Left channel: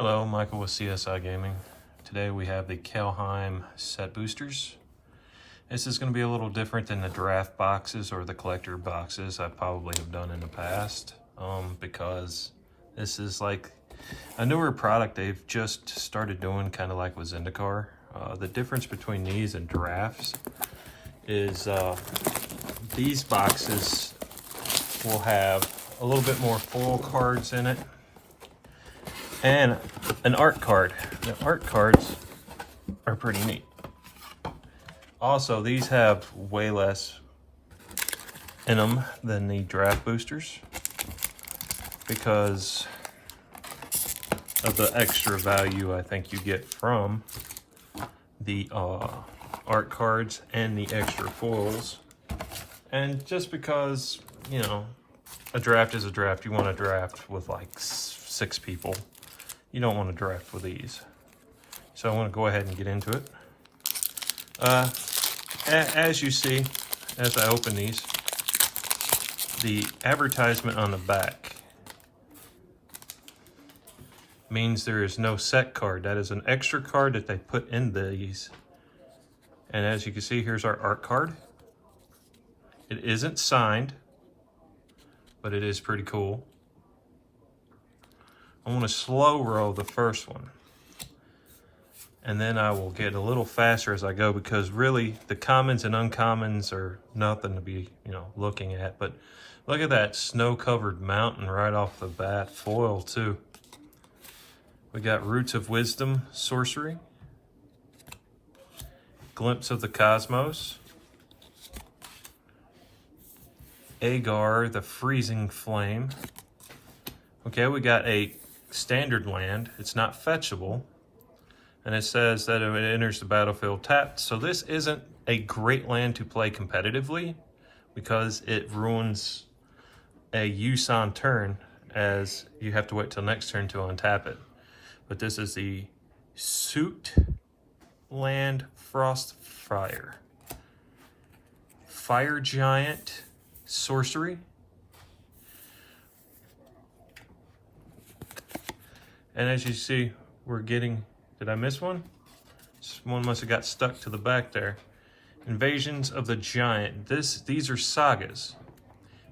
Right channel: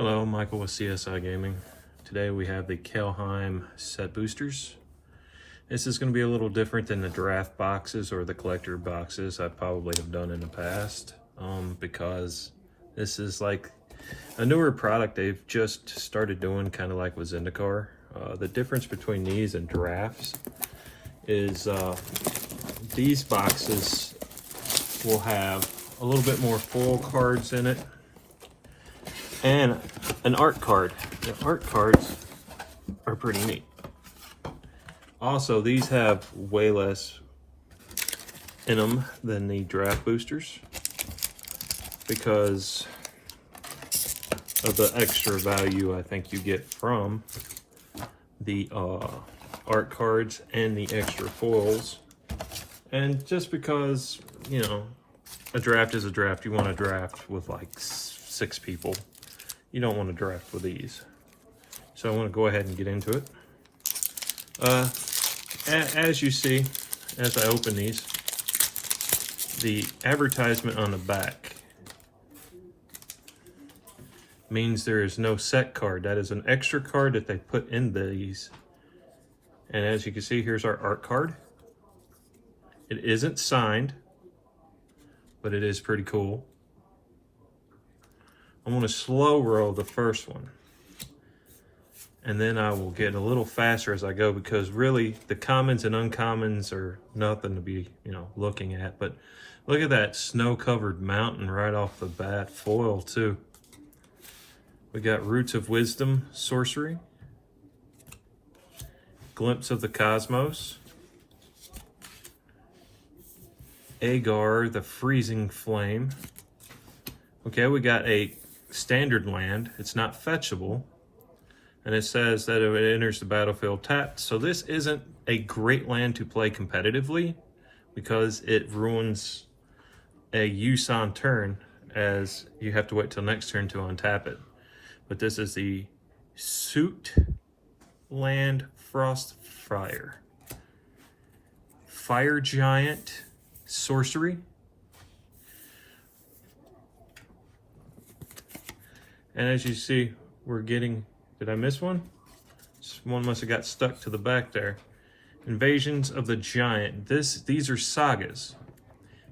Hello, Michael with CSI Gaming. Today we have the Kaldheim Set Boosters. This is going to be a little different than the draft boxes or the collector boxes I probably have done in the past, because this is like a newer product they've just started doing, kind of like with Zendikar. The difference between these and drafts is these boxes will have a little bit more full cards in it and an art card. The art cards are pretty neat. Also, these have way less in them than the draft boosters because of the extra value I think you get from the art cards and the extra foils. And just because, you know, a draft is a draft, you want to draft with like 6 people. You don't want to draft with these. So I want to go ahead and get into it. As you see, as I open these, the advertisement on the back means there is no set card. That is an extra card that they put in these. And as you can see, here's our art card. It isn't signed, but it is pretty cool. I'm going to slow roll the first one, and then I will get a little faster as I go, because really the commons and uncommons are nothing to be, looking at. But look at that snow-covered mountain right off the bat, foil too. We got Roots of Wisdom, Sorcery, Glimpse of the Cosmos, Agar, the Freezing Flame. Okay, we got a standard land. It's not fetchable, and it says that it enters the battlefield tapped. So this isn't a great land to play competitively because it ruins a use on turn, as you have to wait till next turn to untap it. But this is the Suit Land Frostfire, Fire Giant, Sorcery. And as you see, we're getting, did I miss one? One must have got stuck to the back there. Invasions of the Giant. These are sagas.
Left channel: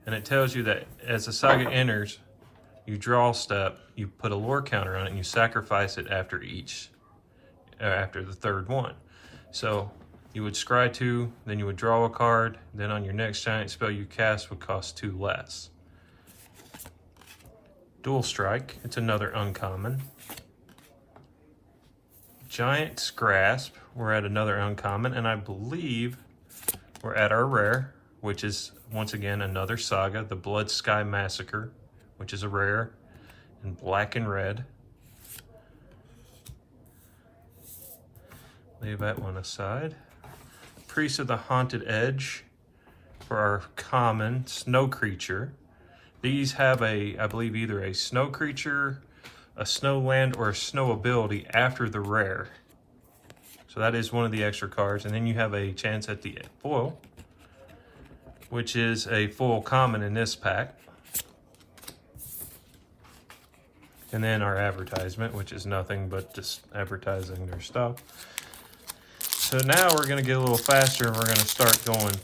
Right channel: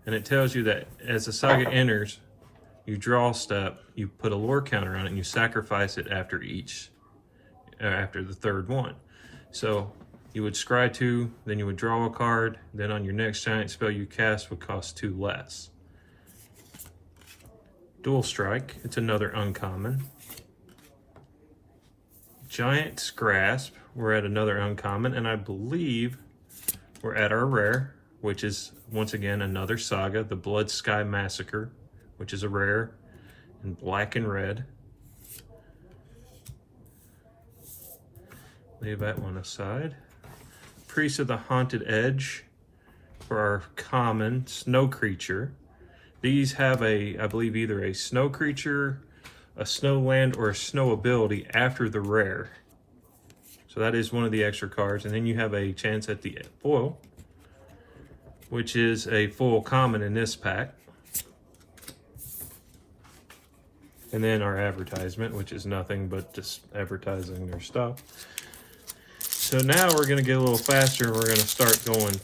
And it tells you that as the saga enters, you draw a step, you put a lore counter on it, and you sacrifice it after the third one. So you would scry 2, then you would draw a card, then on your next giant spell you cast would cost 2 less. Dual Strike, it's another uncommon. Giant's Grasp, we're at another uncommon, and I believe we're at our rare, which is once again another saga, the Blood Sky Massacre, which is a rare in black and red. Leave that one aside. Priest of the Haunted Edge for our common snow creature. These have I believe, either a snow creature, a snow land, or a snow ability after the rare. So that is one of the extra cards. And then you have a chance at the foil, which is a full common in this pack. And then our advertisement, which is nothing but just advertising their stuff. So now we're going to get a little faster. We're going to start going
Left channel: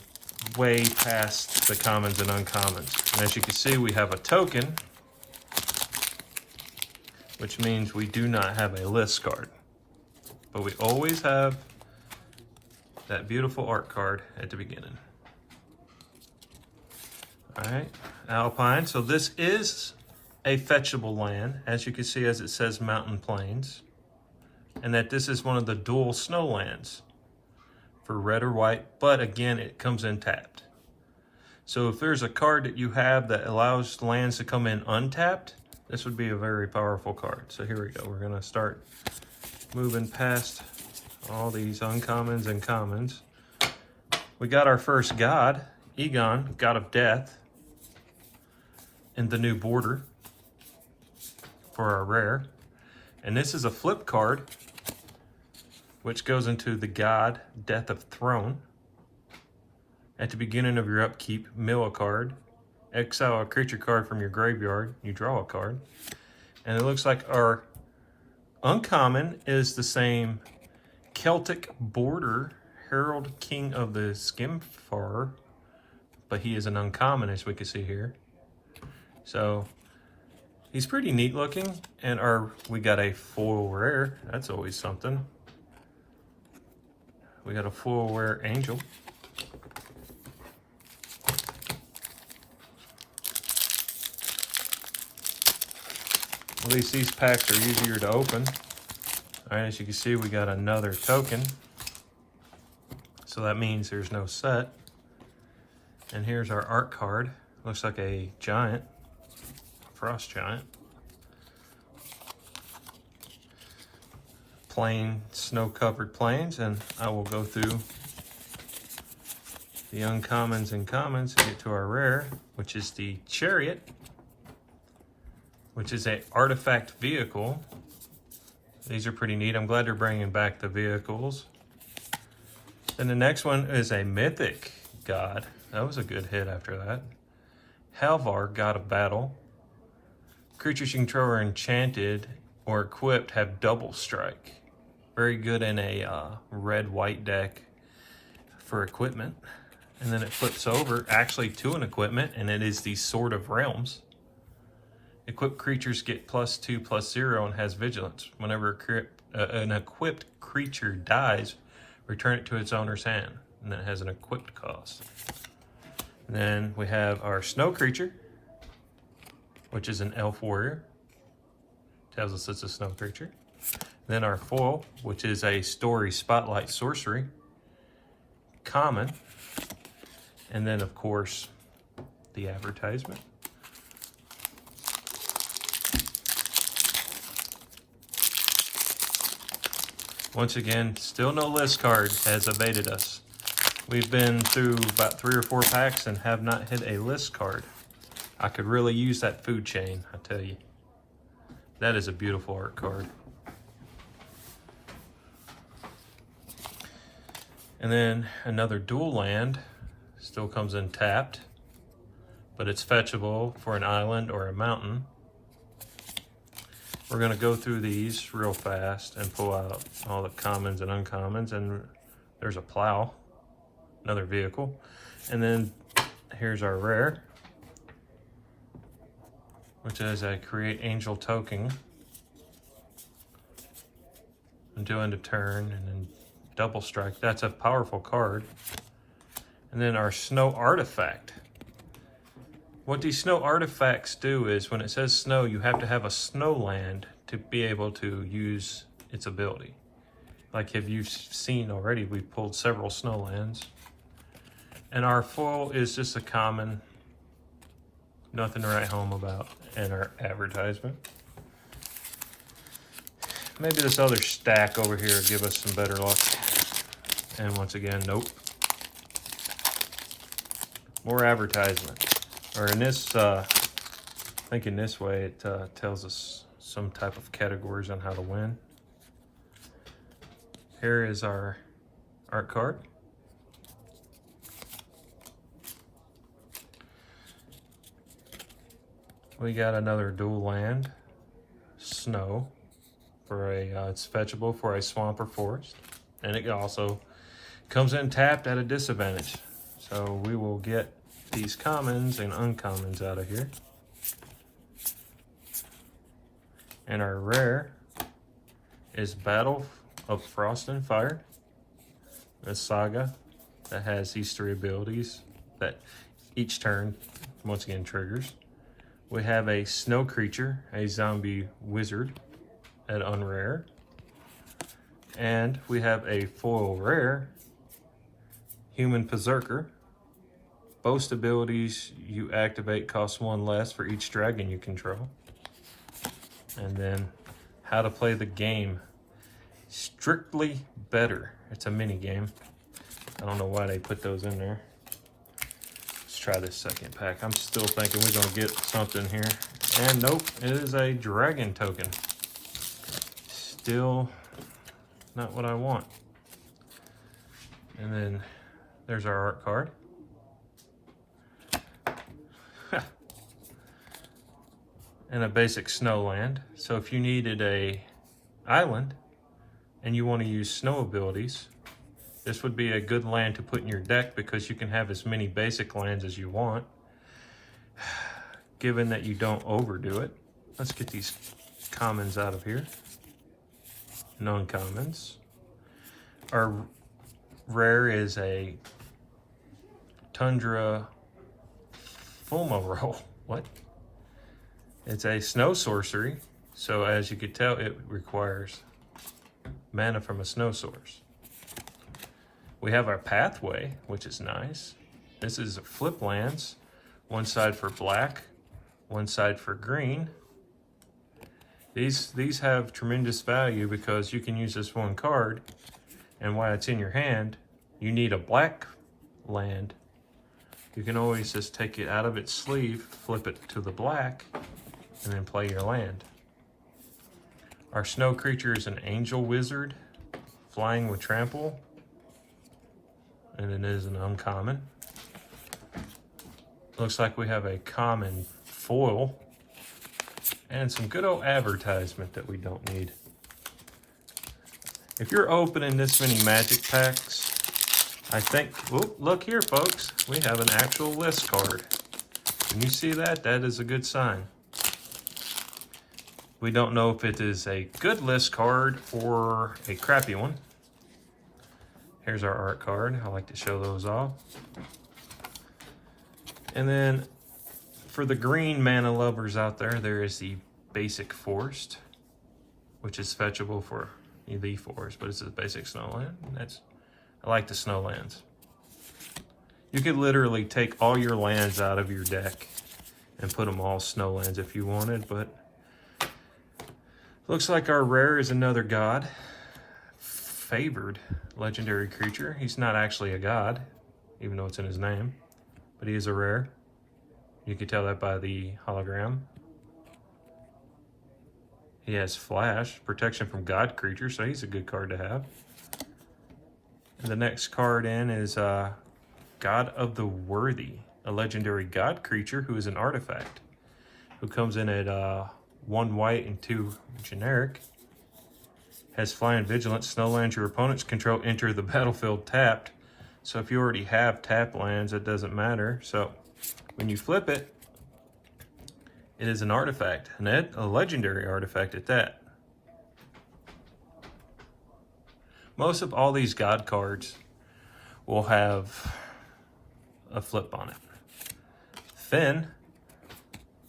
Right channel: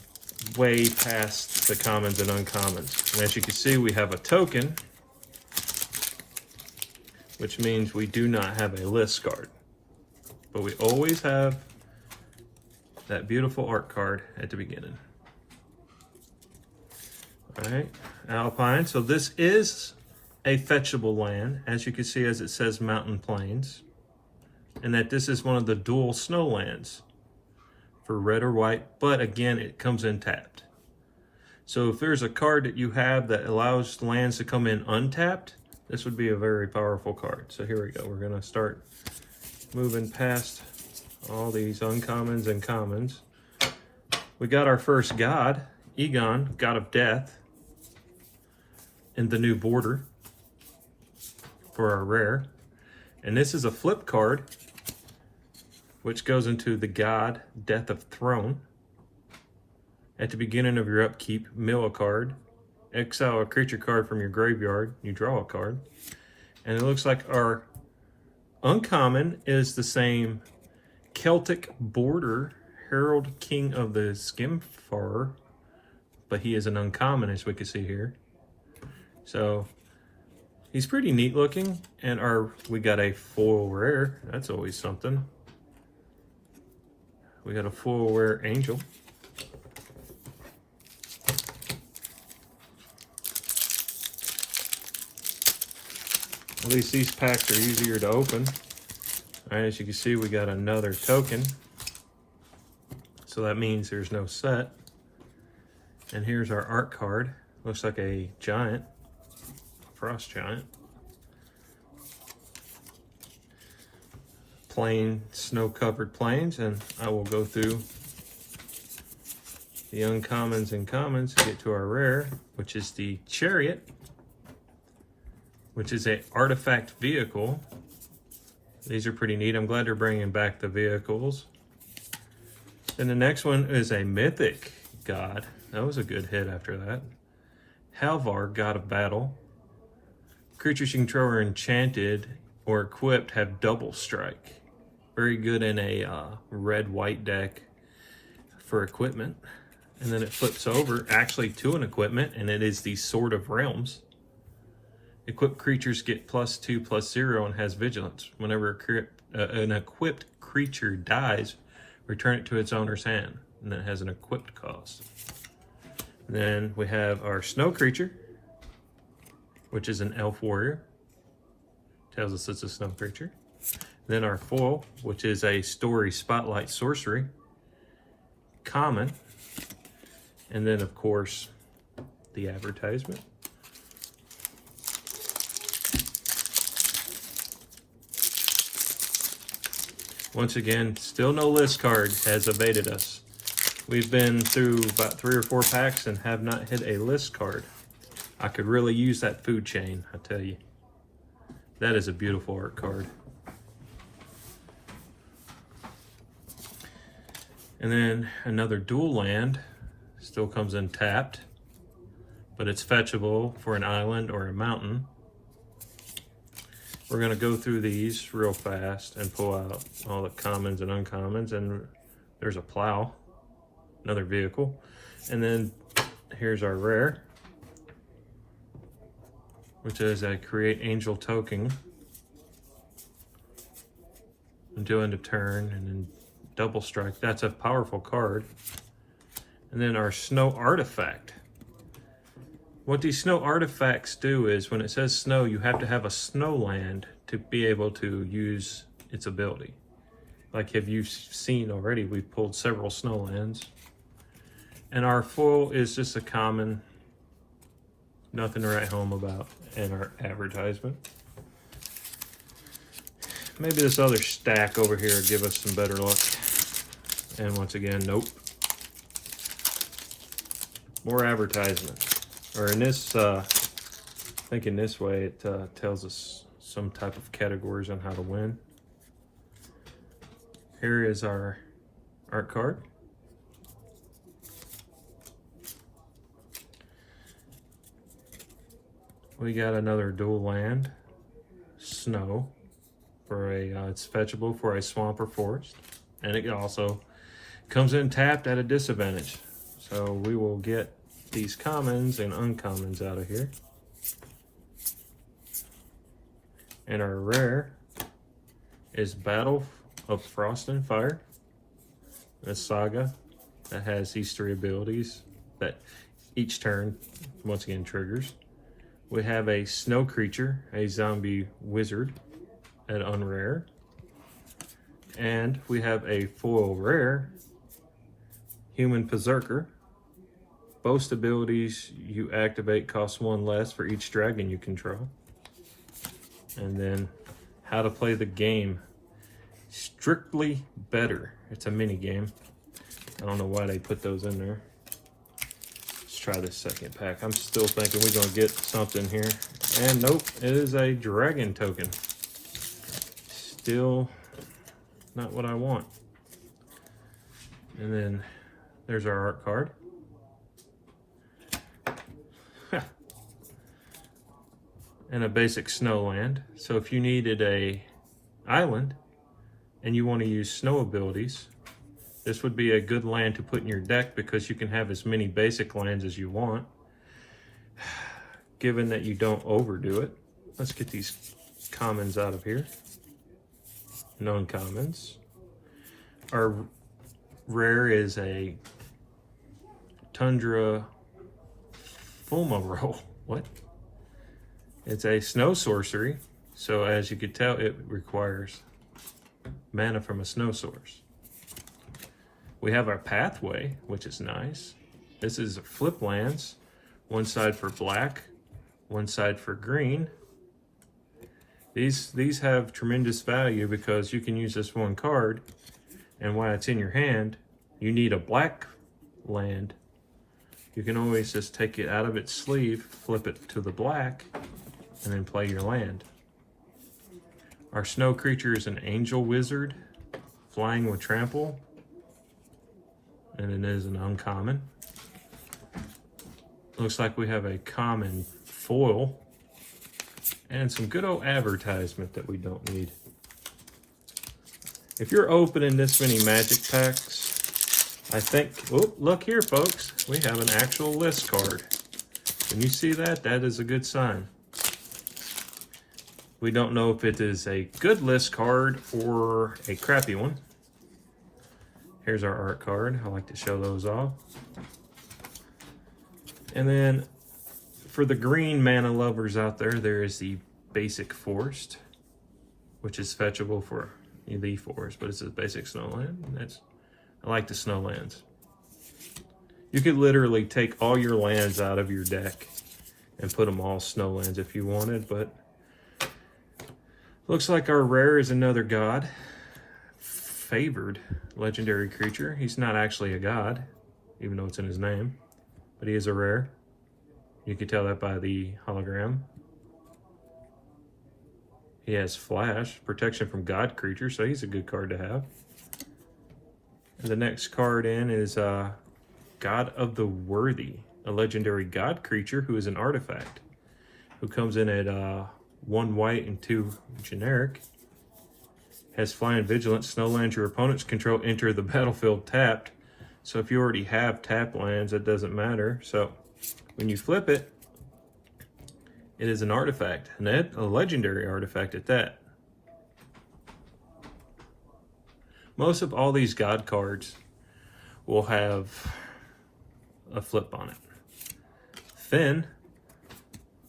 way past the commons and uncommons. And as you can see, we have a token, which means we do not have a list card. But we always have that beautiful art card at the beginning. All right, Alpine. So this is a fetchable land, as you can see, as it says Mountain Plains, and that this is one of the dual snow lands for red or white, but again, it comes in tapped. So if there's a card that you have that allows lands to come in untapped, this would be a very powerful card. So here we go. We're going to start moving past all these uncommons and commons. We got our first god, Egon, God of Death, in the new border for our rare. And this is a flip card, which goes into the God, Death of Throne. At the beginning of your upkeep, mill a card, exile a creature card from your graveyard, you draw a card. And it looks like our Uncommon is the same Celtic border Harold, King of the Skimfarer, but he is an uncommon, as we can see here. So he's pretty neat looking, and we got a foil rare. That's always something. We got a foil rare angel. At least these packs are easier to open. All right, as you can see, we got another token. So that means there's no set. And here's our art card. Looks like a giant, frost giant. Plain, snow-covered plains, and I will go through the uncommons and commons to get to our rare, which is the Chariot, which is a artifact vehicle. These are pretty neat. I'm glad they're bringing back the vehicles. Then the next one is a mythic god. That was a good hit after that. Halvar, god of battle. Creatures you control are enchanted or equipped have double strike. Very good in a red-white deck for equipment. And then it flips over actually to an equipment, and it is the Sword of Realms. Equipped creatures get +2/+0 and has vigilance. Whenever an equipped creature dies, return it to its owner's hand. And then it has an equipped cost. And then we have our snow creature, which is an elf warrior. Tells us it's a snow creature. Then our foil, which is a story spotlight sorcery. Common. And then of course, the advertisement. Once again, still no list card has evaded us. We've been through about 3 or 4 packs and have not hit a list card. I could really use that food chain, I tell you. That is a beautiful art card. And then another dual land, still comes in tapped, but it's fetchable for an island or a mountain. We're gonna go through these real fast and pull out all the commons and uncommons, and there's a plow, another vehicle. And then here's our rare, which is a create angel token until end of turn, and then double strike. That's a powerful card. And then our snow artifact. What these snow artifacts do is when it says snow, you have to have a snow land to be able to use its ability. Like if you've seen already, we pulled several snow lands. And our foil is just a common, nothing to write home about in our advertisement. Maybe this other stack over here will give us some better luck. And once again, nope. More advertisement. Or in this, thinking this way, it tells us some type of categories on how to win. Here is our art card. We got another dual land, snow, for a it's fetchable for a swamp or forest, and it also comes in tapped at a disadvantage. So we will get these commons and uncommons out of here. And our rare is Battle of Frost and Fire, a saga that has these 3 abilities that each turn once again triggers. We have a snow creature, a zombie wizard at unrare. And we have a foil rare, human berserker. Boast abilities you activate cost 1 less for each dragon you control. And then how to play the game. Strictly better. It's a mini game. I don't know why they put those in there. Let's try this second pack. I'm still thinking we're gonna get something here. And nope, it is a dragon token. Still not what I want. And then there's our art card. And a basic snow land. So if you needed a island and you want to use snow abilities, this would be a good land to put in your deck because you can have as many basic lands as you want, given that you don't overdo it. Let's get these commons out of here. Non-commons. Our rare is a Tundra Fulmarole. What? It's a snow sorcery, so as you could tell, it requires mana from a snow source. We have our pathway, which is nice. This is flip lands, one side for black, one side for green. These have tremendous value because you can use this one card, and while it's in your hand, you need a black land. You can always just take it out of its sleeve, flip it to the black, and then play your land. Our snow creature is an angel wizard, flying with trample, and it is an uncommon. Looks like we have a common foil and some good old advertisement that we don't need. If you're opening this many magic packs, I think, oh, look here folks, we have an actual list card. When you see that, that is a good sign. We don't know if it is a good list card or a crappy one. Here's our art card. I like to show those off. And then for the green mana lovers out there, there is the basic forest, which is fetchable for the forest, but it's a basic snowland. I like the snowlands. You could literally take all your lands out of your deck and put them all snowlands if you wanted, but looks like our rare is another god. Favored legendary creature. He's not actually a god, even though it's in his name, but he is a rare. You can tell that by the hologram. He has flash, protection from god creatures, so he's a good card to have. And the next card in is God of the Worthy, a legendary god creature who is an artifact, who comes in at 1 white and 2 generic. Has flying vigilance. Snowlands your opponents control enter the battlefield tapped. So if you already have tapped lands, it doesn't matter. So when you flip it, it is an artifact, and a legendary artifact at that. Most of all these god cards will have a flip on it. Finn,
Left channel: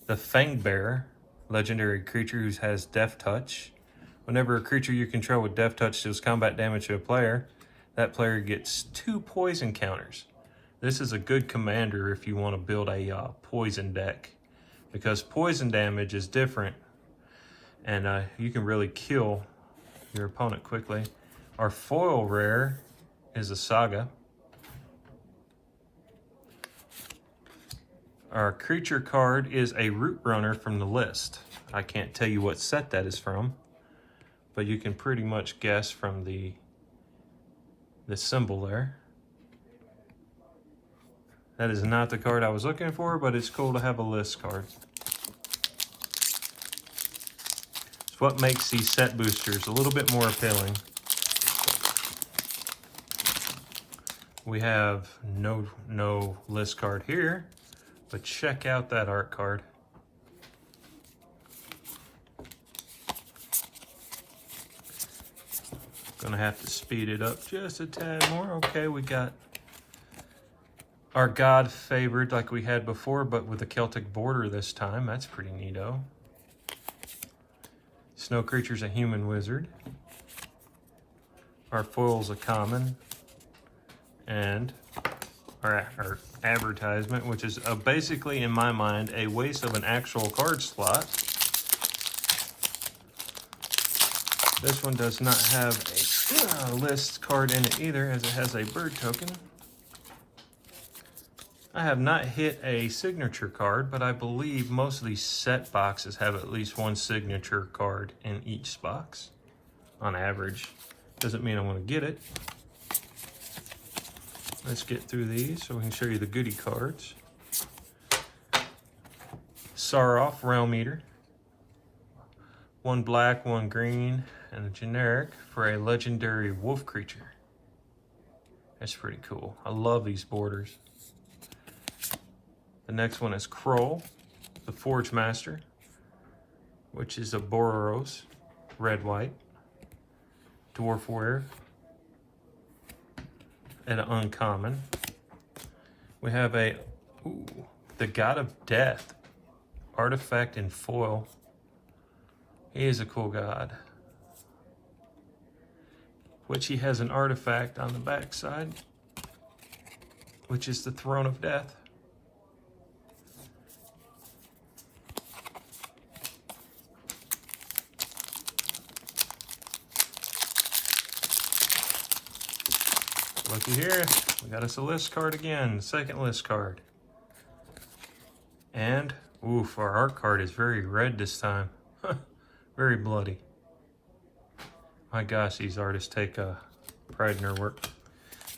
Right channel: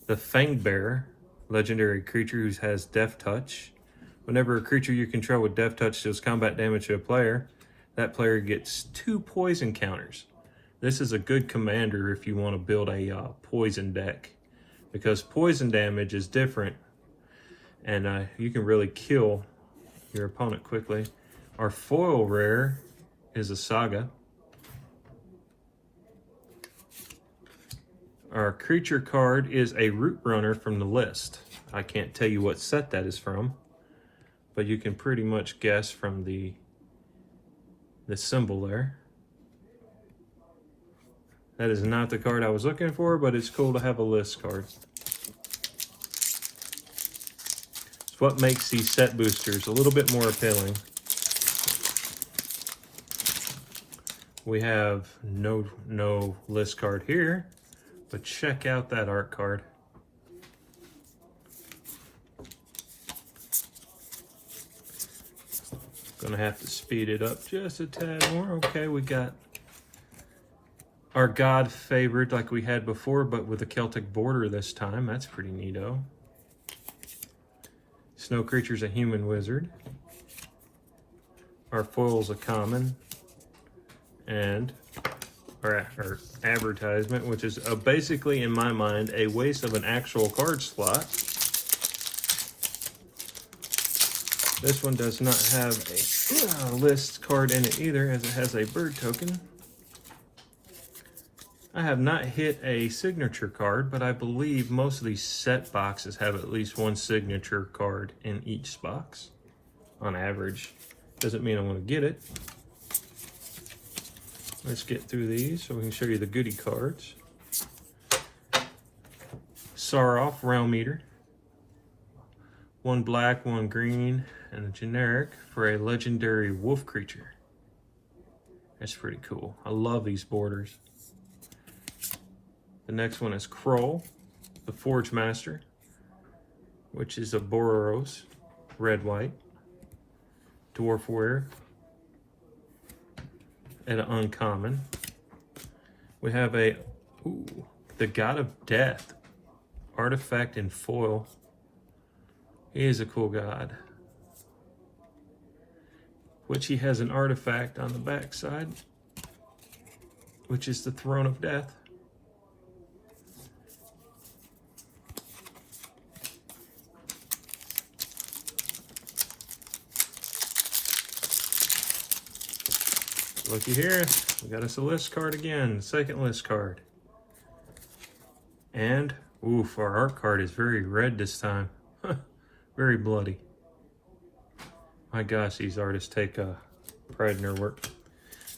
the Fangbearer, legendary creature who has Death Touch. Whenever a creature you control with Death Touch deals combat damage to a player, that player gets 2 poison counters. This is a good commander if you want to build a poison deck, because poison damage is different, and you can really kill your opponent quickly. Our foil rare is a Saga. Our creature card is a Root Runner from the list. I can't tell you what set that is from, but you can pretty much guess from the symbol there. That is not the card I was looking for, but it's cool to have a list card. It's what makes these set boosters a little bit more appealing. We have no list card here, but check out that art card. Gonna have to speed it up just a tad more. Okay, we got our god favored like we had before, but with a Celtic border this time. That's pretty neato. Snow creature's a human wizard. Our foil's a common. And our advertisement, which is basically, in my mind, a waste of an actual card slot. This one does not have a list card in it either, as it has a bird token. I have not hit a signature card, but I believe most of these set boxes have at least one signature card in each box, on average. Doesn't mean I'm going to get it. Let's get through these so we can show you the goodie cards. Saroff, Realm Eater. 1 black, 1 green, and a generic for a legendary wolf creature. That's pretty cool. I love these borders. The next one is Kroll, the Forge Master, which is a Boros, red-white, dwarf warrior, and an uncommon. We have the God of Death, artifact in foil. He is a cool god, which he has an artifact on the back side, which is the Throne of Death. Looky here, we got us a list card again, second list card. And, oof, our art card is very red this time. Very bloody. My gosh, these artists take pride in their work.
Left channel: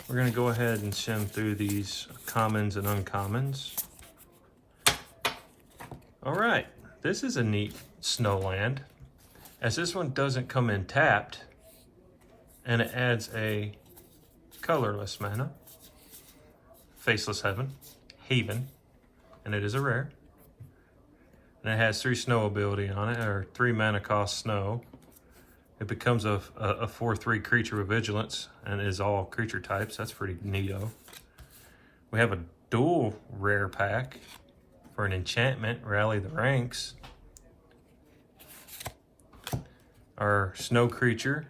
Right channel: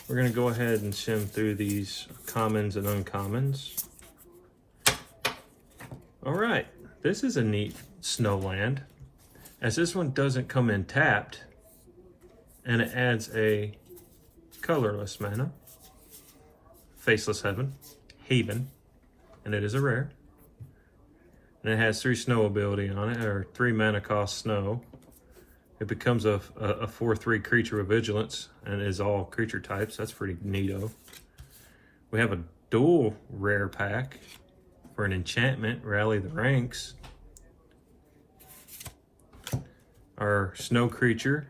We're gonna go ahead and shim through these commons and uncommons. All right, this is a neat snowland, as this one doesn't come in tapped, and it adds a colorless mana, Faceless Haven, and it is a rare. And it has 3 snow ability on it, or 3 mana cost snow. It becomes a 4/3 creature with vigilance and is all creature types. That's pretty neato. We have a dual rare pack for an enchantment, Rally the Ranks. Our snow creature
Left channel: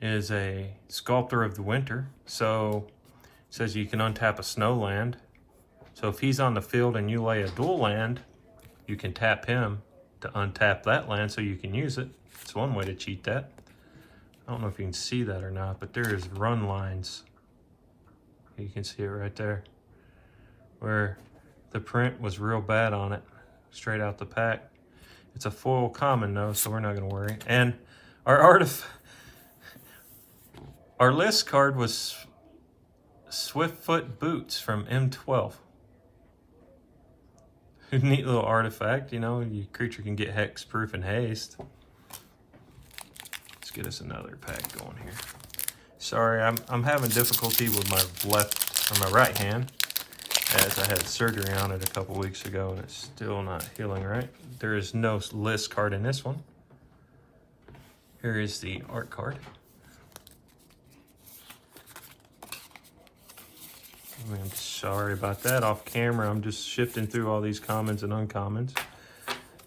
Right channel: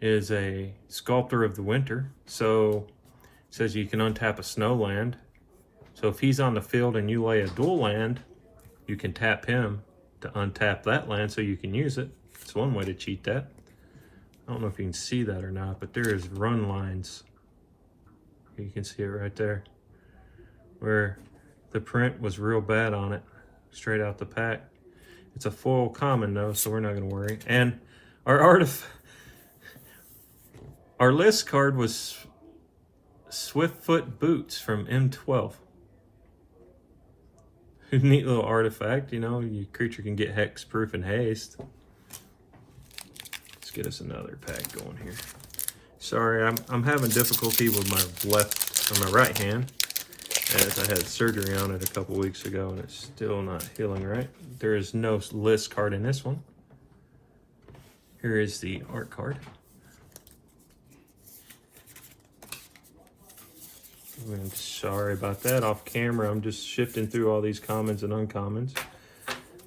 is a Sculptor of the Winter. So it says you can untap a snow land. So if he's on the field and you lay a dual land, you can tap him to untap that land so you can use it. It's one way to cheat that. I don't know if you can see that or not, but there is run lines. You can see it right there, where the print was real bad on it, straight out the pack. It's a foil common though, so we're not gonna worry. And our list card was Swiftfoot Boots from M12. Neat little artifact, you know, your creature can get hexproof and haste. Let's get us another pack going here. Sorry, I'm having difficulty with my right hand, as I had surgery on it a couple weeks ago and it's still not healing right. There is no list card in this one. Here is the art card. I'm sorry about that, off camera. I'm just shifting through all these commons and uncommons.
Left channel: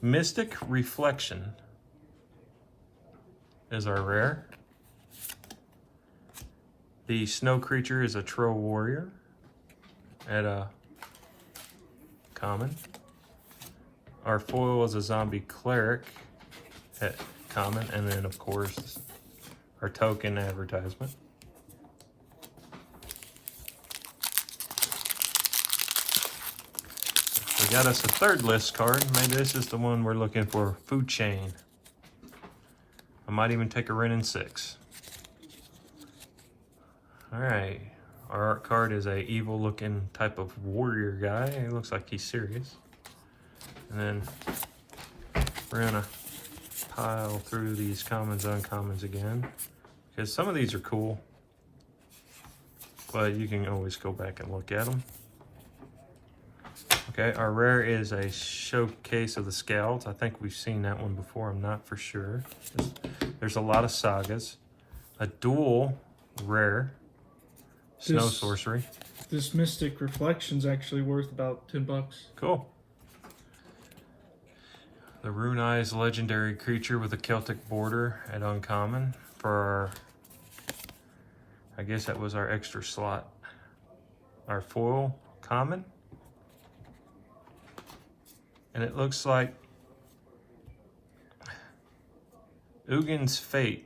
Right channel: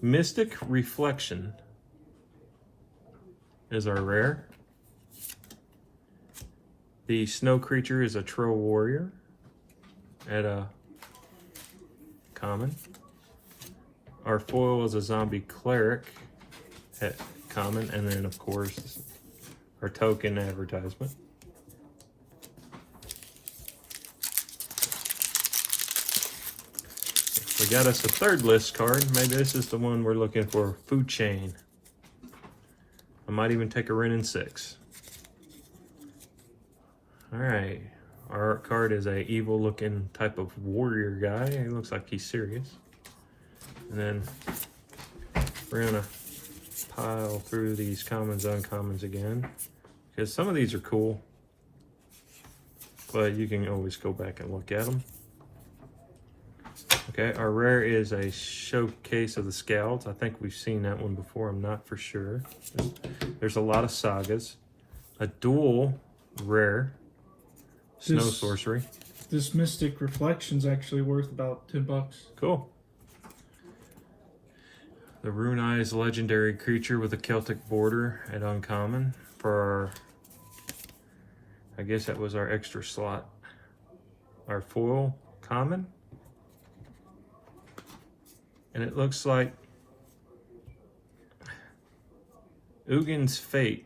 Mystic Reflection is our rare. The snow creature is a Troll Warrior at a common. Our foil is a Zombie Cleric at common, and then of course our token advertisement. We got us a third list card. Maybe this is the one we're looking for. Food Chain. I might even take a Ren in 6. Alright. Our art card is a evil looking type of warrior guy. He looks like he's serious. And then we're gonna pile through these commons, uncommons again, because some of these are cool, but you can always go back and look at them. Okay, our rare is a Showcase of the Scouts. I think we've seen that one before. I'm not for sure. There's a lot of sagas. A dual rare Snow Sorcery. This Mystic Reflection's actually worth about $10. Cool. The Rune Eyes legendary creature with a Celtic border at uncommon for our, I guess that was our extra slot. Our foil common. And it looks like Ugin's Fate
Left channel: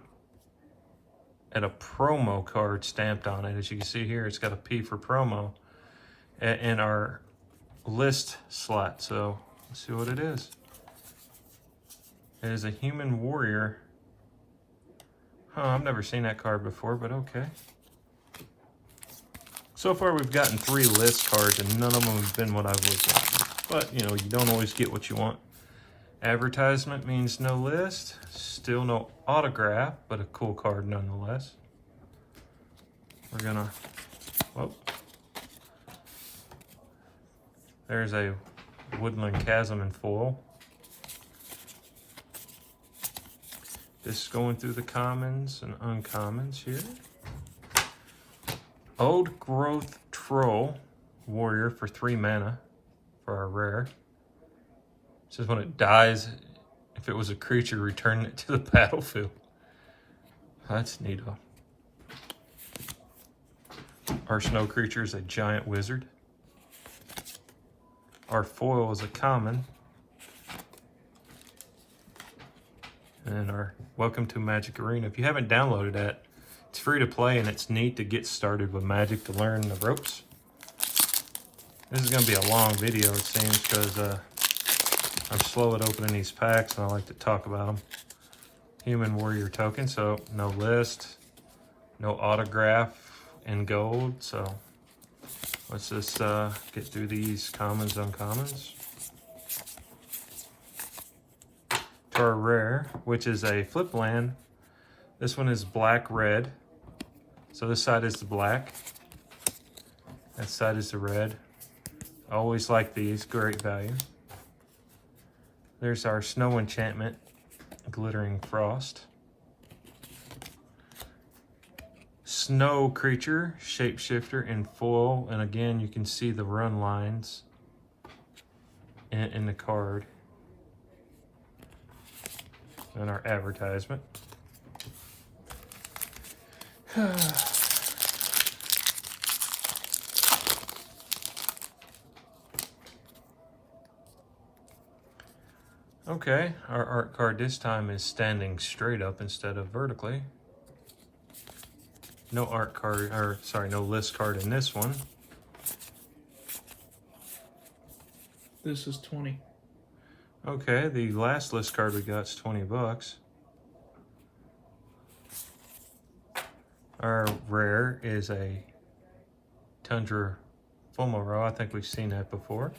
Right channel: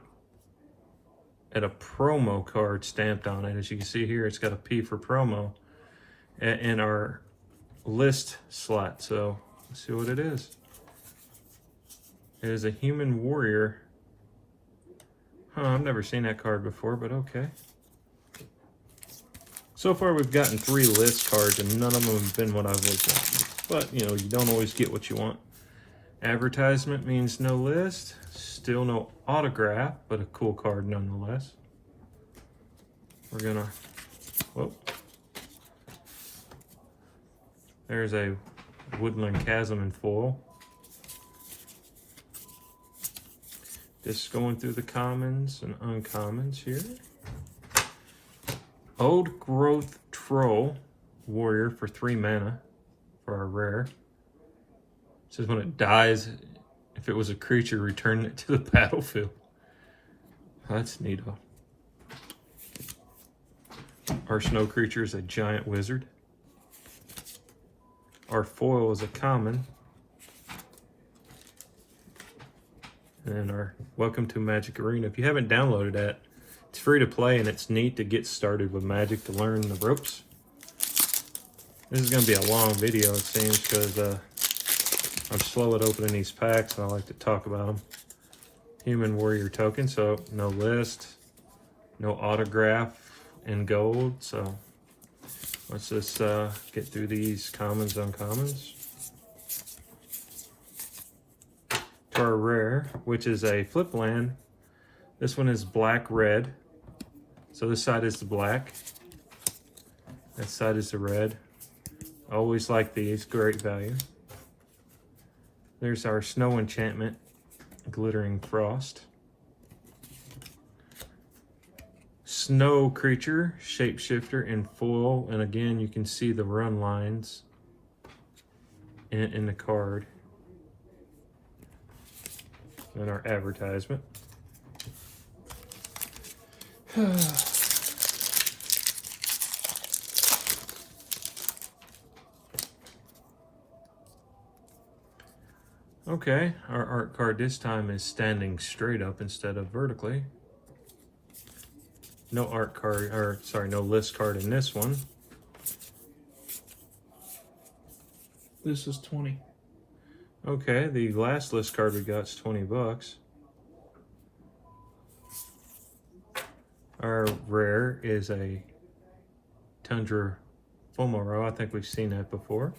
at a promo card stamped on it. As you can see here, it's got a P for promo and our list slot. So let's see what it is. It is a human warrior. Huh, I've never seen that card before, but okay. So far we've gotten 3 list cards and none of them have been what I was wanting. But, you know, you don't always get what you want. Advertisement means no list. Still no autograph, but a cool card nonetheless. We're gonna, whoop. There's a Woodland Chasm in foil. Just going through the commons and uncommons here. Old Growth Troll Warrior for 3 mana for our rare. It says when it dies, if it was a creature, return it to the battlefield. That's neato. Our snow creature is a giant wizard. Our foil is a common. And our Welcome to Magic Arena. If you haven't downloaded that, it's free to play and it's neat to get started with Magic, to learn the ropes. This is going to be a long video, it seems, because I'm slow at opening these packs and I like to talk about them. Human Warrior token, so no list, no autograph in gold. So let's just get through these commons, uncommons. To our rare, which is a flip land. This one is black-red. So this side is the black. That side is the red. I always like these, great value. There's our snow enchantment, Glittering Frost. Snow creature, shapeshifter in foil, and again you can see the run lines in the card. And our advertisement. Okay, our art card this time is standing straight up instead of vertically. No art card, or sorry, no list card in this one. This is 20. Okay, the last list card we got is 20 bucks. Our rare is a Tundra Fomoro. I think we've seen that before.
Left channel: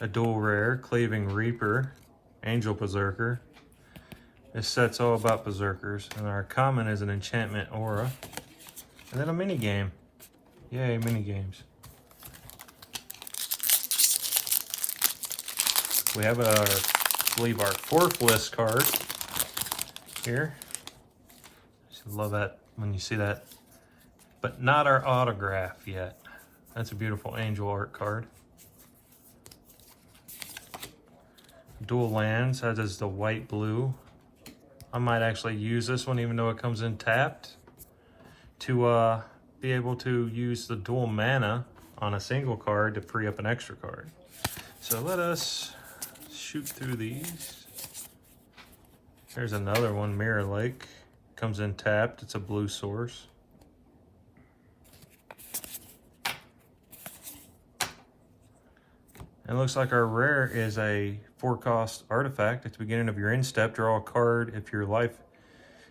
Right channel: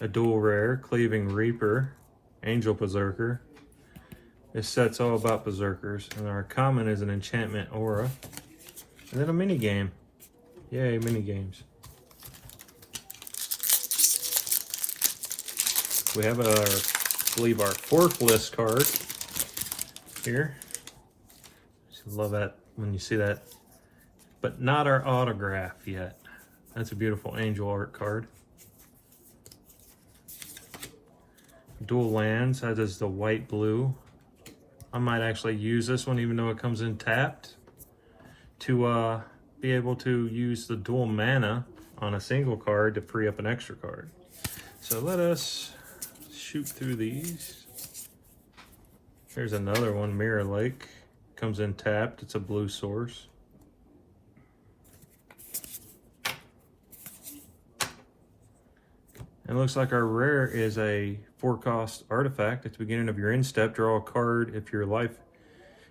A dual rare, Cleaving Reaper, Angel Berserker. This set's all about berserkers. And our common is an enchantment aura. And then a mini game. Yay, mini games. We have I believe our 4th list card here. Love that when you see that. But not our autograph yet. That's a beautiful angel art card. Dual lands, that is the white blue. I might actually use this one even though it comes in tapped to be able to use the dual mana on a single card to free up an extra card. So let us shoot through these. There's another one, Mirror Lake. Comes in tapped, it's a blue source. And it looks like our rare is a 4-cost artifact. At the beginning of your end step, draw a card if your life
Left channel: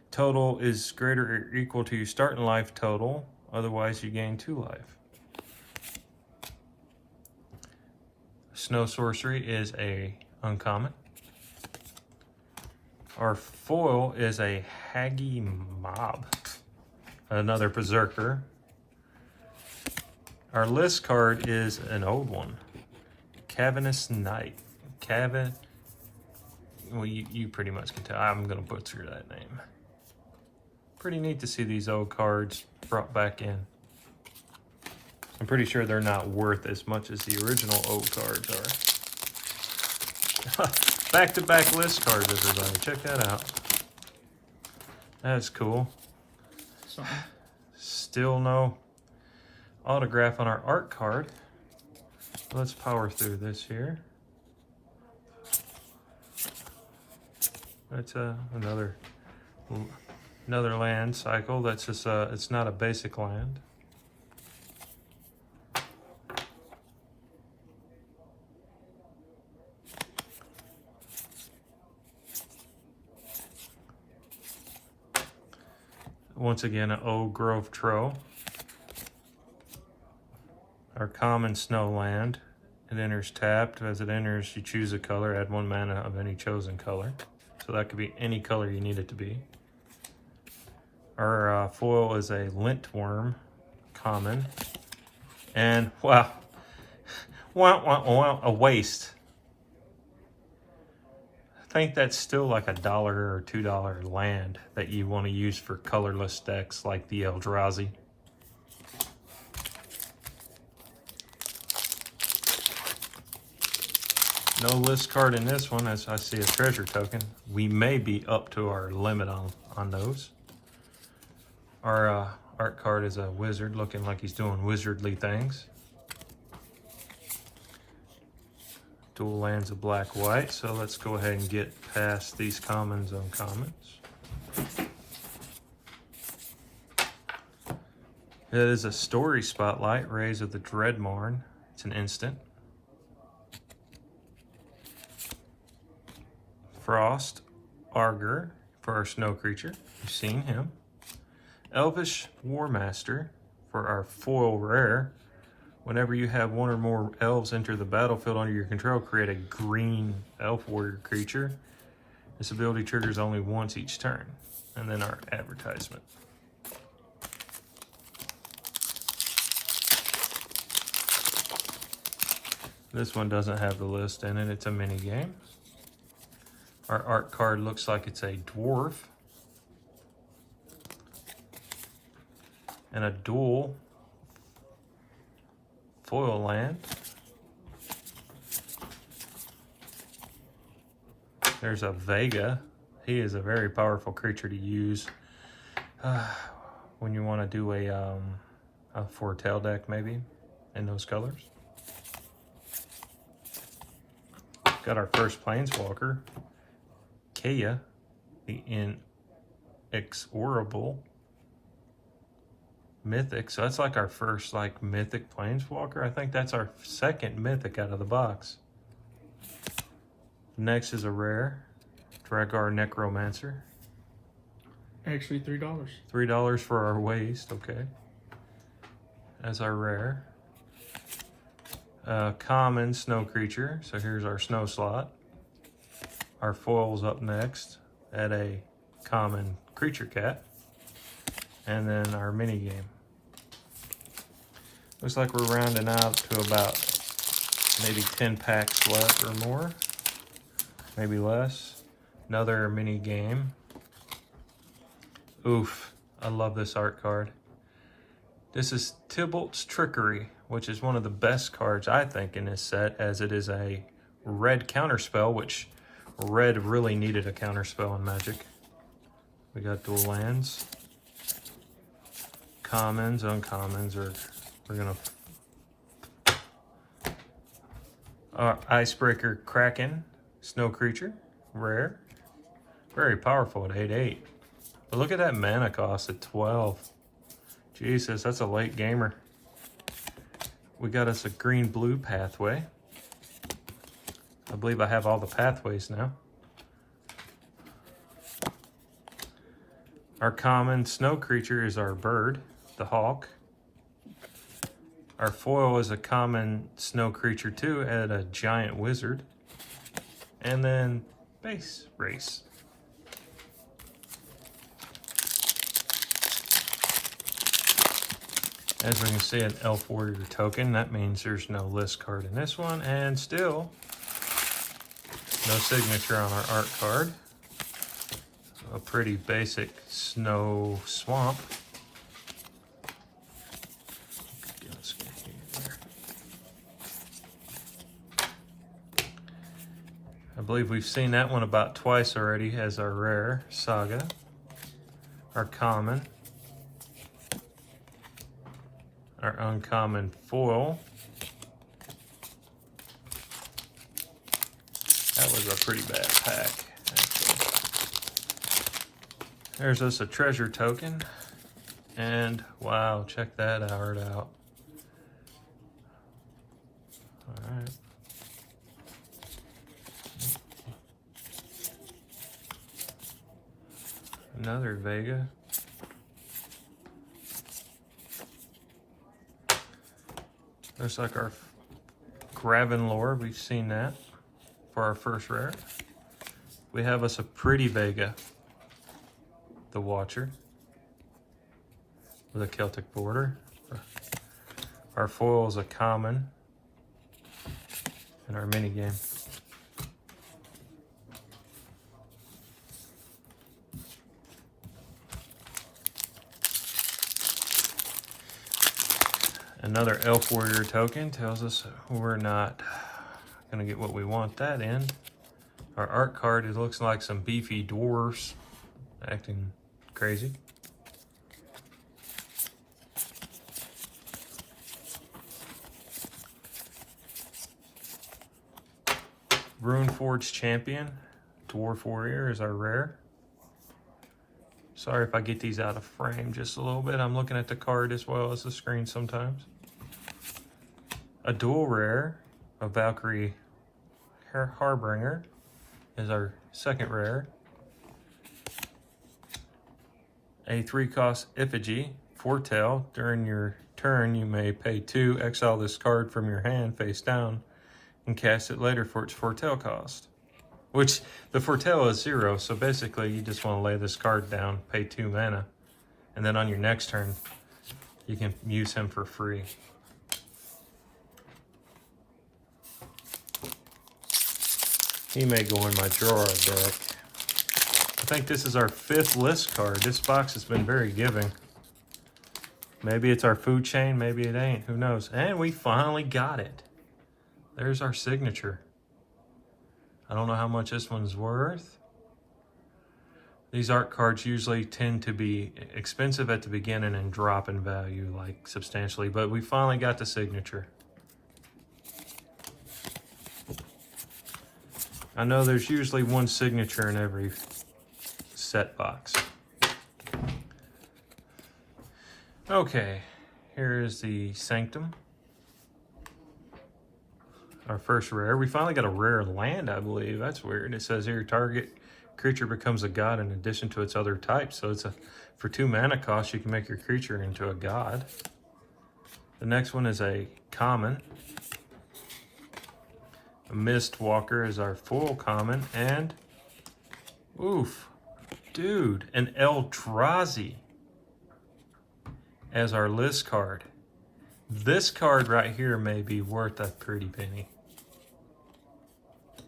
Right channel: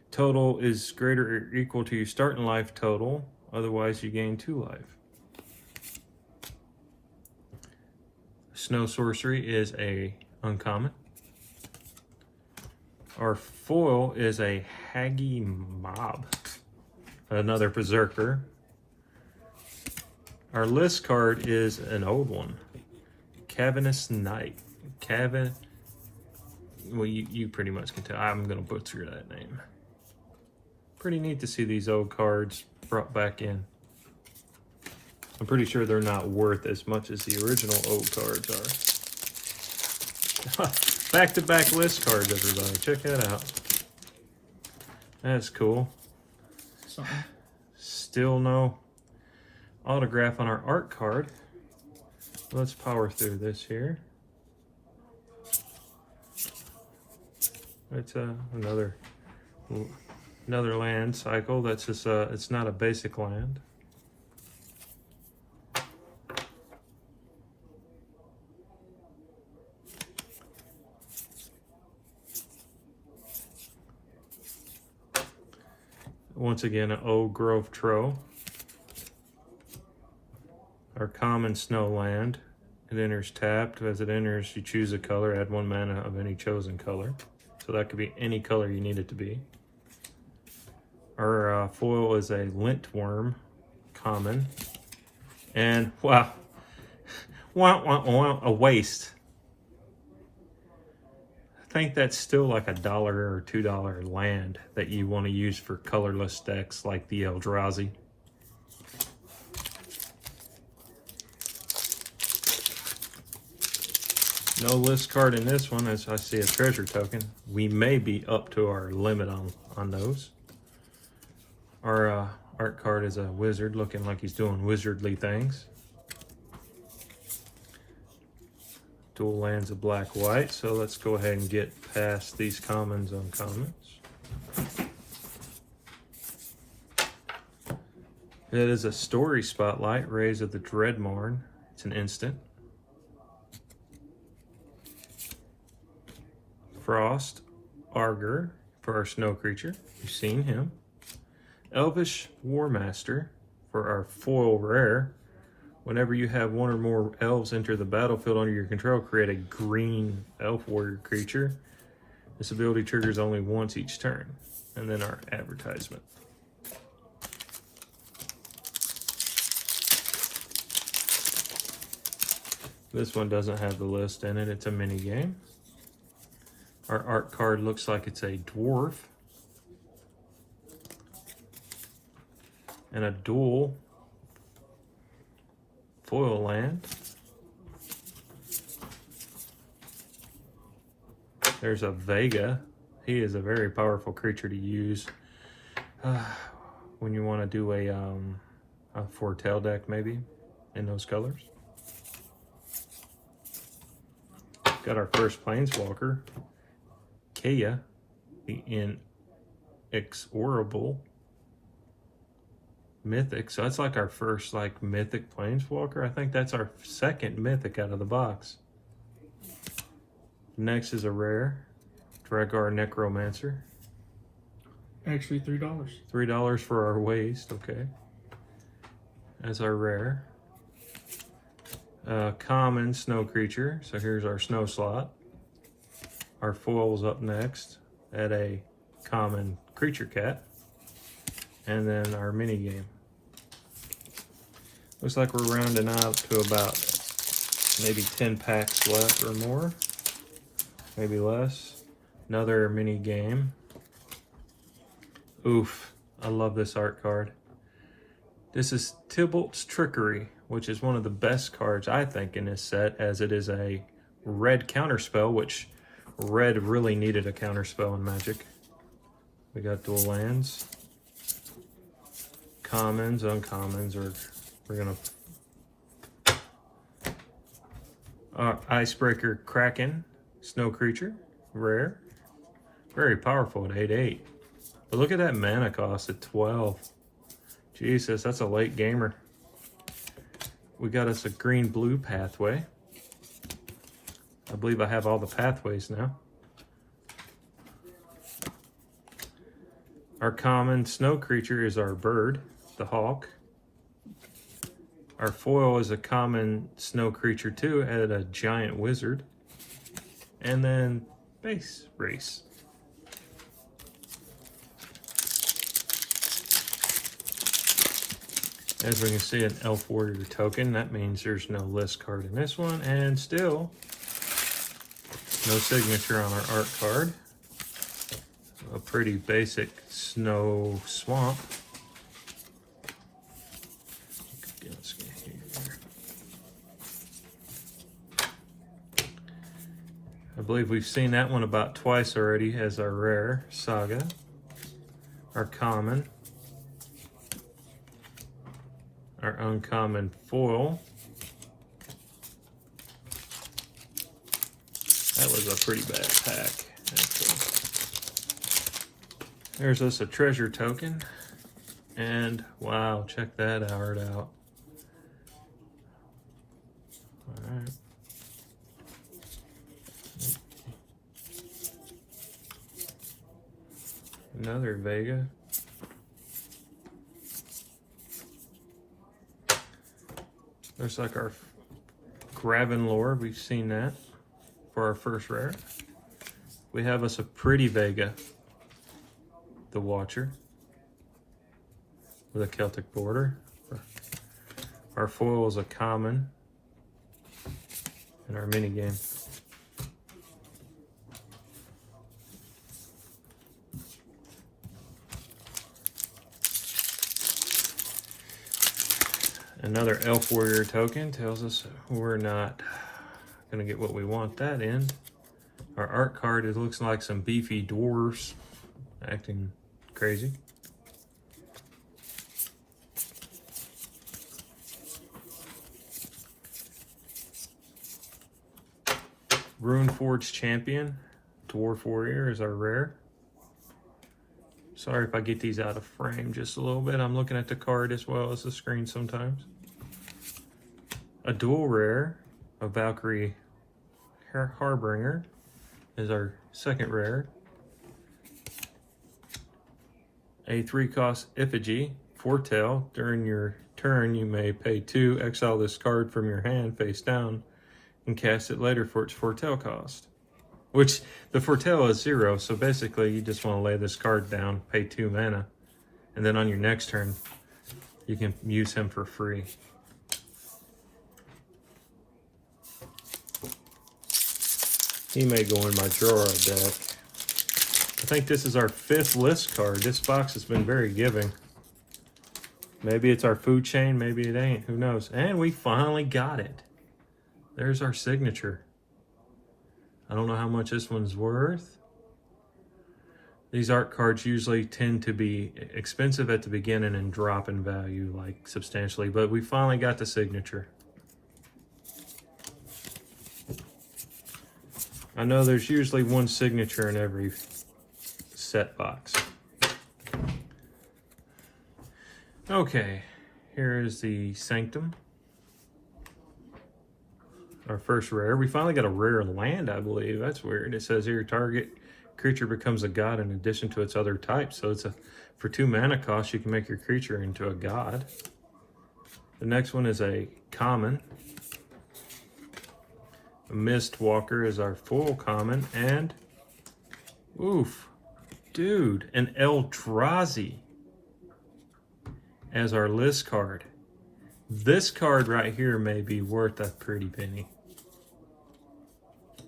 total is greater or equal to your starting life total. Otherwise, you gain 2 life. Snow Sorcery is a uncommon. Our foil is a Haggy Mob, another berserker. Our list card is an old one, Cavernous Knight. Well, you pretty much can tell. I'm gonna butcher that name. Pretty neat to see these old cards brought back in. I'm pretty sure they're not worth as much as the original old cards are. Back-to-back list cards, everybody. Check that out. That's cool. Something. Still no autograph on our art card. Let's power through this here. It's another land cycle. That's just it's not a basic land. Once again, an Old Grove Troll. Our common snow land It enters tapped. As it enters, you choose a color, add 1 mana of any chosen color. So that could be any color you need it to be. Our foil is a lintworm, common. And wow, a waste. I think that's still like $1 or $2 land that you want to use for colorless decks like the Eldrazi. No list card in this one, as I see a treasure token. We may be up to our limit on those. Our art card is a wizard looking like he's doing wizardly things. Dual lands of black white, so let's go ahead and get past these commons, uncommons. That is a story spotlight, Rays of the Dreadmorn. It's an instant. Frost Arger for our snow creature. You've seen him. Elvish Warmaster for our foil rare. Whenever you have 1 or more elves enter the battlefield under your control, create a green elf warrior creature. This ability triggers only once each turn. And then our advertisement. This one doesn't have the list in it. It's a mini game. Our art card looks like it's a dwarf. And a dual foil land. There's a Vega. He is a very powerful creature to use when you want to do a foretell deck, maybe, in those colors. Got our first Planeswalker, Kaya, the Inexorable Mythic. So that's like our first mythic Planeswalker. I think that's our second mythic out of the box. Next is a rare, Dragar Necromancer. Actually, $3. $3 for our waste, okay. As our rare. Common snow creature. So here's our snow slot. Our foil's up next at a common creature cat. And then our mini game. Looks like we're rounding out to about maybe 10 packs left or more. Maybe less. Another mini game. Oof, I love this art card. This is Tybalt's Trickery, which is one of the best cards, I think, in this set, as it is a red counterspell, which red really needed a counterspell in Magic. We got dual lands. Commons, uncommons, we're gonna... Our Icebreaker Kraken, snow creature, rare. Very powerful at 8/8. But look at that mana cost at 12. Jesus, that's a late gamer. We got us a green-blue pathway. I believe I have all the pathways now. Our common snow creature is our bird, the hawk. Our foil is a common snow creature too, and a giant wizard. And then base race. As we can see, an elf warrior token. That means there's no list card in this one, and still no signature on our art card. A pretty basic snow swamp. I believe we've seen that one about twice already as our rare, Saga. Our common. Our uncommon foil. That was a pretty bad pack. Okay. There's just a treasure token. And wow, check that art out. Alright. Another Vega. Looks like our Gravenlore, we've seen that for our first rare. We have us a pretty Vega, the Watcher, with a Celtic border. Our foil is a common in our mini game. Another Elf Warrior token tells us we're not gonna get what we want that in. Our art card, it looks like some beefy dwarves acting crazy. Runeforge Champion, Dwarf Warrior is our rare. Sorry if I get these out of frame just a little bit. I'm looking at the card as well as the screen sometimes. A dual rare, a Valkyrie Harbinger is our second rare. A 3-cost Effigy, Foretell. During your turn, you may pay 2, exile this card from your hand face down, and cast it later for its Foretell cost. Which, the Foretell is 0, so basically you just want to lay this card down, pay 2 mana, and then on your next turn, you can use him for free. He may go in my drawer deck. I think this is our 5th list card. This box has been very giving. Maybe it's our food chain, maybe it ain't, who knows. And we finally got it. There's our signature. I don't know how much this one's worth. These art cards usually tend to be expensive at the beginning and drop in value like substantially, but we finally got the signature. I know there's usually one signature in every set box. Okay, here is the Sanctum. Our first rare. We finally got a rare land, I believe. That's weird. It says here, target creature becomes a god in addition to its other types. So it's for 2 mana cost, you can make your creature into a god. The next one is a common. A Mistwalker is our full common, and oof, dude, an Eldrazi as our list card. This card right here may be worth a pretty penny.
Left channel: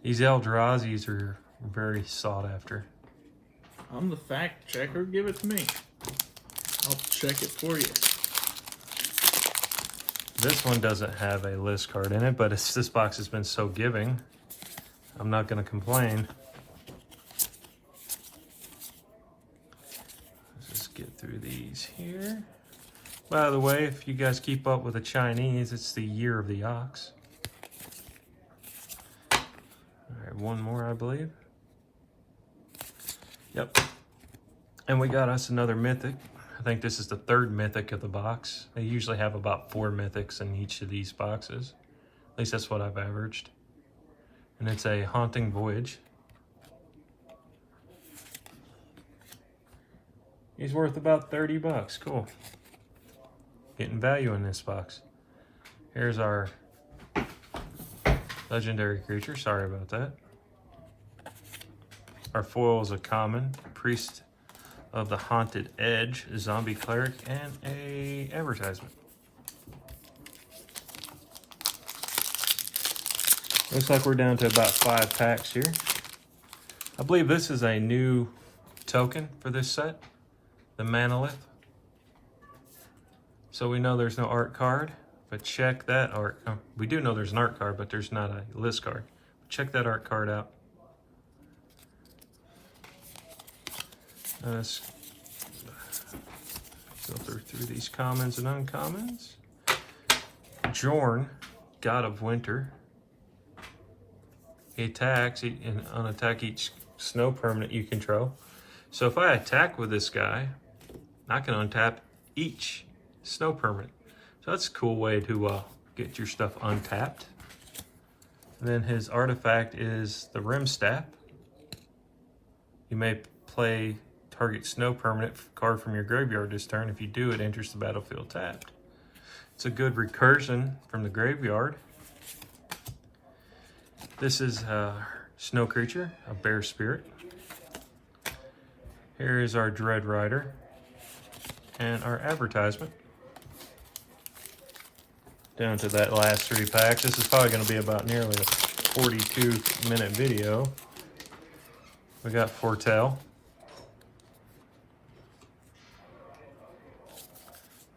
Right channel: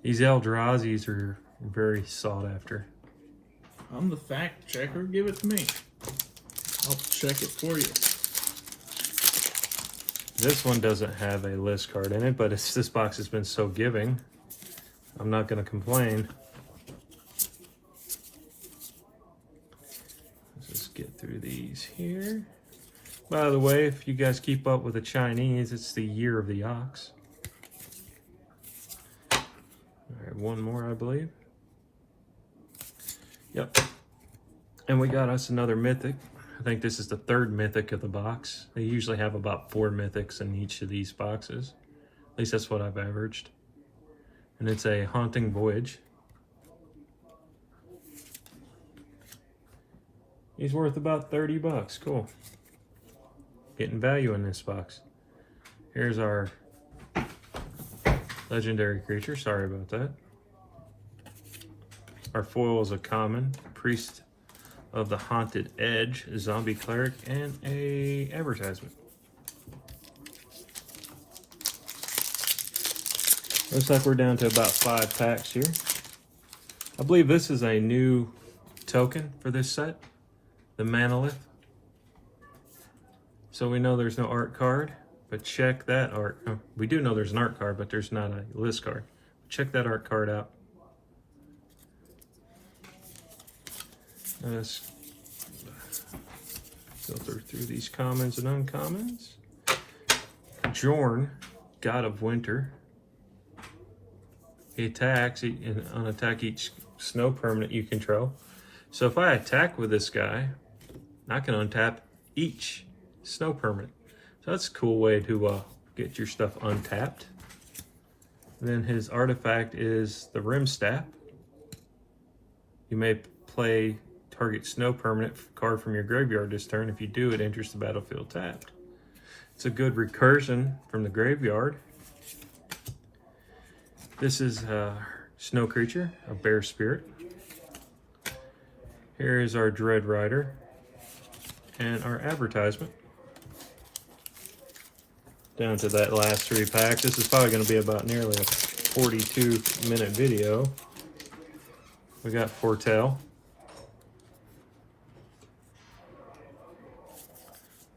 These Eldrazi's are very sought after. I'm the fact checker. Give it to me. I'll check it for you. This one doesn't have a list card in it, but this box has been so giving, I'm not going to complain. Let's just get through these here. By the way, if you guys keep up with the Chinese, it's the year of the ox. All right, one more, I believe. Yep. And we got us another mythic. I think this is the 3rd mythic of the box. They usually have about 4 mythics in each of these boxes. At least that's what I've averaged. And it's a Haunting Voyage. He's worth about 30 bucks. Cool. Getting value in this box. Here's our legendary creature. Sorry about that. Our foil is a common. Priest of the Haunted Edge, Zombie Cleric, and a advertisement. Looks like we're down to about 5 packs here. I believe this is a new token for this set, the Manolith. So we know there's no art card, but check that art. Oh, we do know there's an art card, but there's not a list card. Check that art card out. Let's filter through these commons and uncommons. Jorn, God of Winter. He attacks and unattack each snow permanent you control. So if I attack with this guy, I can untap each snow permanent. So that's a cool way to get your stuff untapped. And then his artifact is the Rim Staff. You may play target snow permanent card from your graveyard this turn. If you do, it enters the battlefield tapped. It's a good recursion from the graveyard. This is a snow creature, a bear spirit. Here is our Dread Rider and our advertisement. Down to that last 3 packs. This is probably going to be about nearly a 42-minute video. We got Foretell.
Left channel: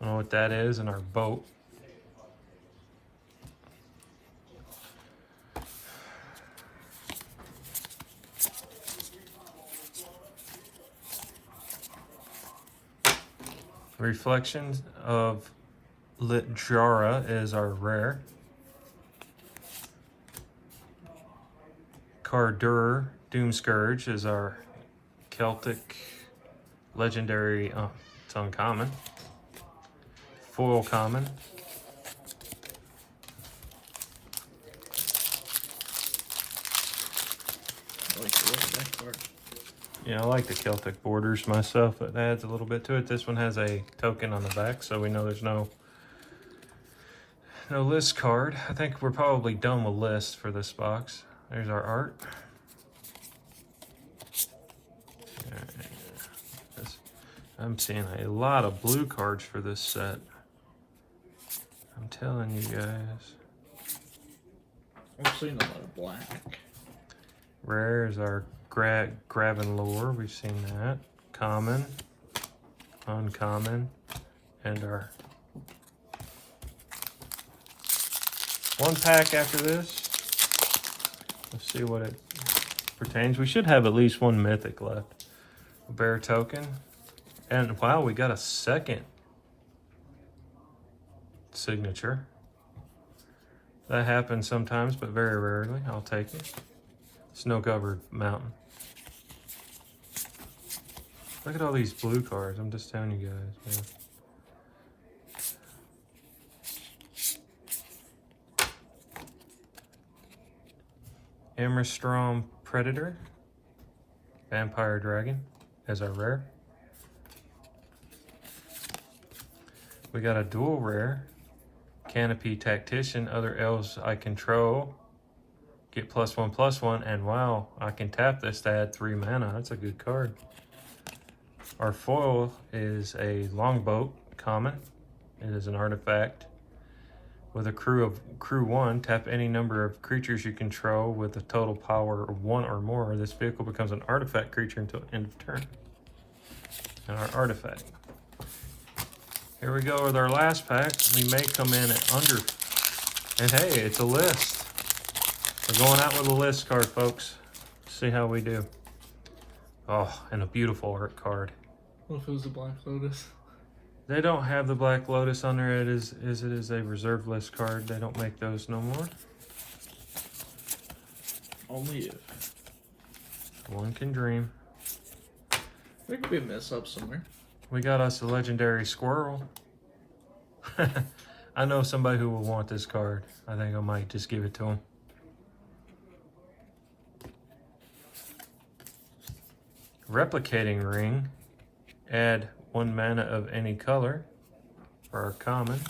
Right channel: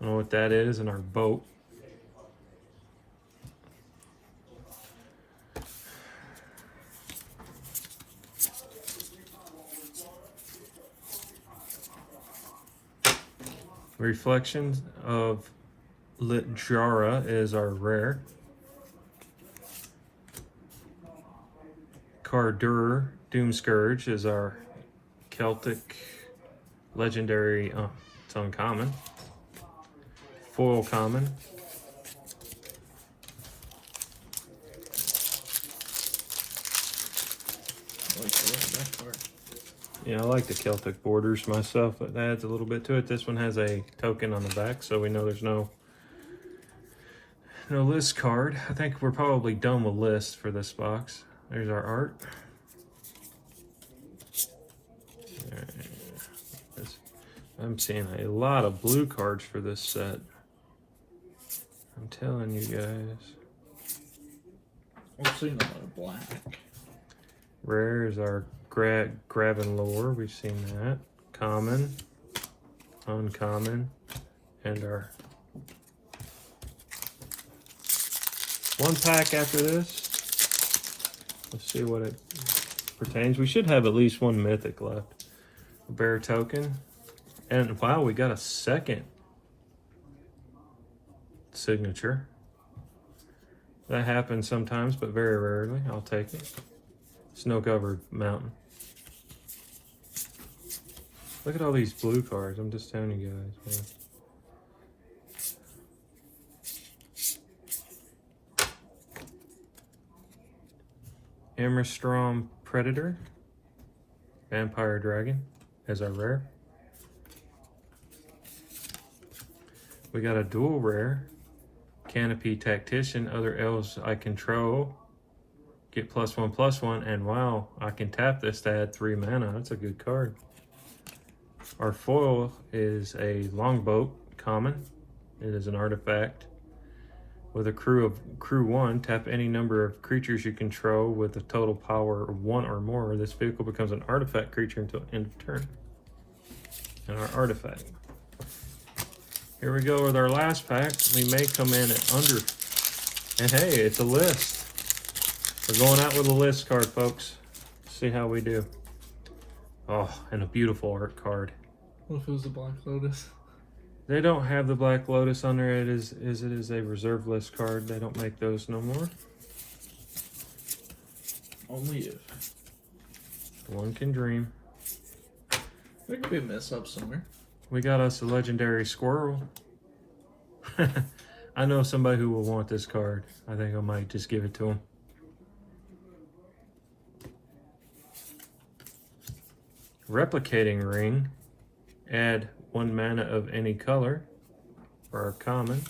I don't know what that is, and our boat. Reflections of Litjara is our rare. Cardur Doomscourge is our Celtic legendary, it's uncommon. Foil common. Yeah, I like the Celtic borders myself. It adds a little bit to it. This one has a token on the back, so we know there's no list card. I think we're probably done with lists for this box. There's our art. I'm seeing a lot of blue cards for this set. I'm telling you guys. I've seen a lot of black. Rare is our Graven Lore. We've seen that. Common, uncommon, and our one pack after this. Let's see what it pertains. We should have at least one mythic left. A bear token. And wow, we got a second signature. That happens sometimes, but very rarely. I'll take it. Snow-covered mountain. Look at all these blue cards. I'm just telling you guys, man. Amrystrom Predator. Vampire Dragon as our rare. We got a dual rare. Canopy Tactician. Other elves I control get +1/+1, and wow, I can tap this to add 3 mana. That's a good card. Our foil is a longboat common. It is an artifact. With a crew 1, tap any number of creatures you control with a total power of 1 or more. This vehicle becomes an artifact creature until end of turn. And our artifact. Here we go with our last pack. We may come in at under. And hey, it's a list. We're going out with a list card, folks. See how we do. Oh, and a beautiful art card. What if it was a Black Lotus? They don't have the Black Lotus on there. It is a reserve list card. They don't make those no more. Only if. One can dream. There could be a mess up somewhere. We got us a legendary squirrel. I know somebody who will want this card. I think I might just give it to him. Replicating Ring. Add 1 mana of any color for our common.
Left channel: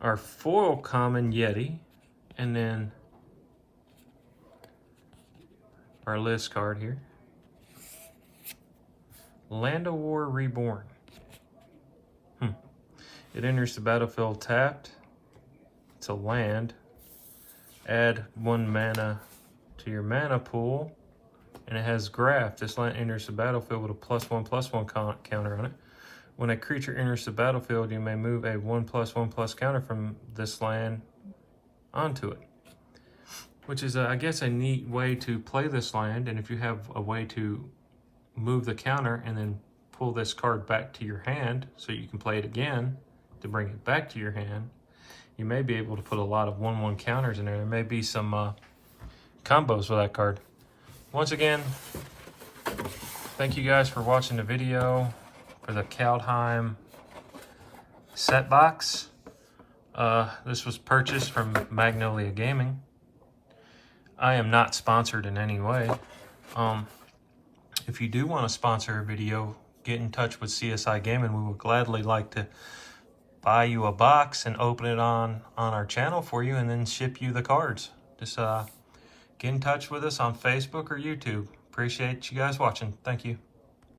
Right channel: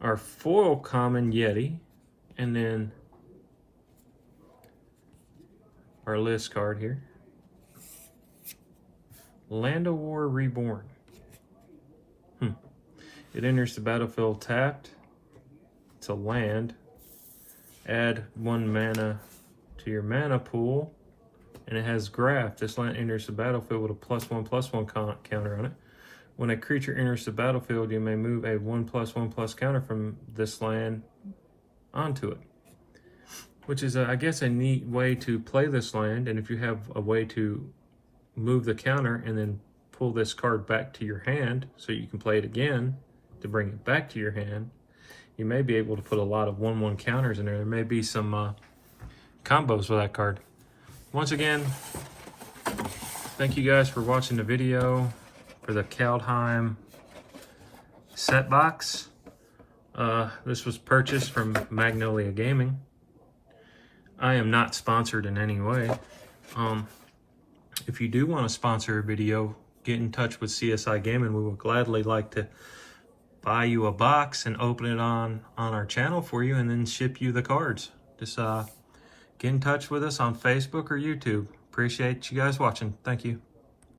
Our foil common Yeti. And then our list card here. Land of War Reborn. It enters the battlefield tapped. It's a land. Add 1 mana to your mana pool. And it has Graft. This land enters the battlefield with a +1/+1 counter on it. When a creature enters the battlefield, you may move a 1/+1/+ counter from this land onto it. Which is, I guess, a neat way to play this land. And if you have a way to move the counter and then pull this card back to your hand so you can play it again to bring it back to your hand, you may be able to put a lot of 1/1 counters in there. There may be some combos for that card. Once again, thank you guys for watching the video for the Kaldheim Set Box. This was purchased from Magnolia Gaming. I am not sponsored in any way. If you do want to sponsor a video, get in touch with CSI Gaming. We would gladly like to buy you a box and open it on our channel for you and then ship you the cards. Just get in touch with us on Facebook or YouTube. Appreciate you guys watching. Thank you.